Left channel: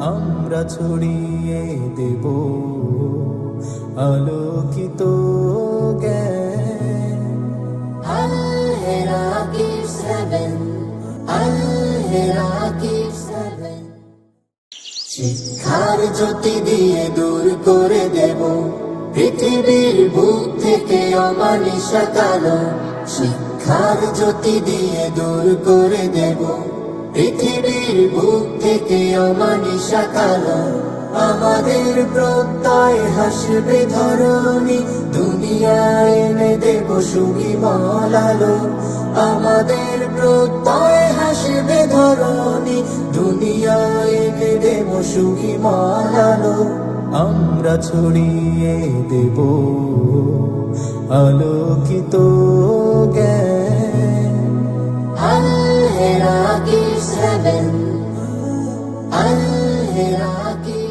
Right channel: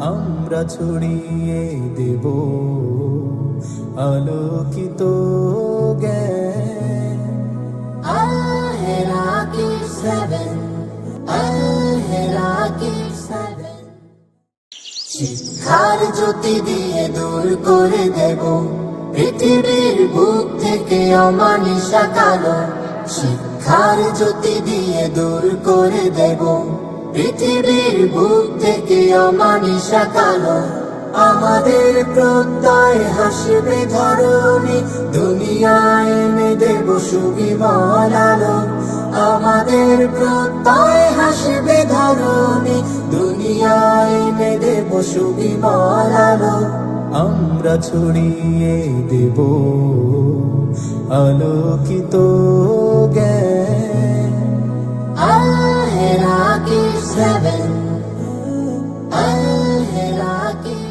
আমরা ছড়িয়ে দেব আলোকিত জ্ঞান। Al-Hiraki 7 Al-Hiraki 7 শিক্ষার জ্যোতি দিয়ে দূর করে দেব পৃথিবীর বুক থেকে অমানিসা কালো। শিক্ষার জ্যোতি দিয়ে দূর করে দেব পৃথিবীর বুক থেকে অমানিসা কালো। আমাদের প্রত্যয় হাসবে ধরণী। দুনিয়ায় এনে দেব সুবিমল আলো। আমাদের প্রত্যয় হাসবে ধরণী। দুনিয়ায় এনে দেব সুবিমল আলো। আমরা ছড়িয়ে দেব আলোকিত Al-Hiraki 7 Al-Hiraki 7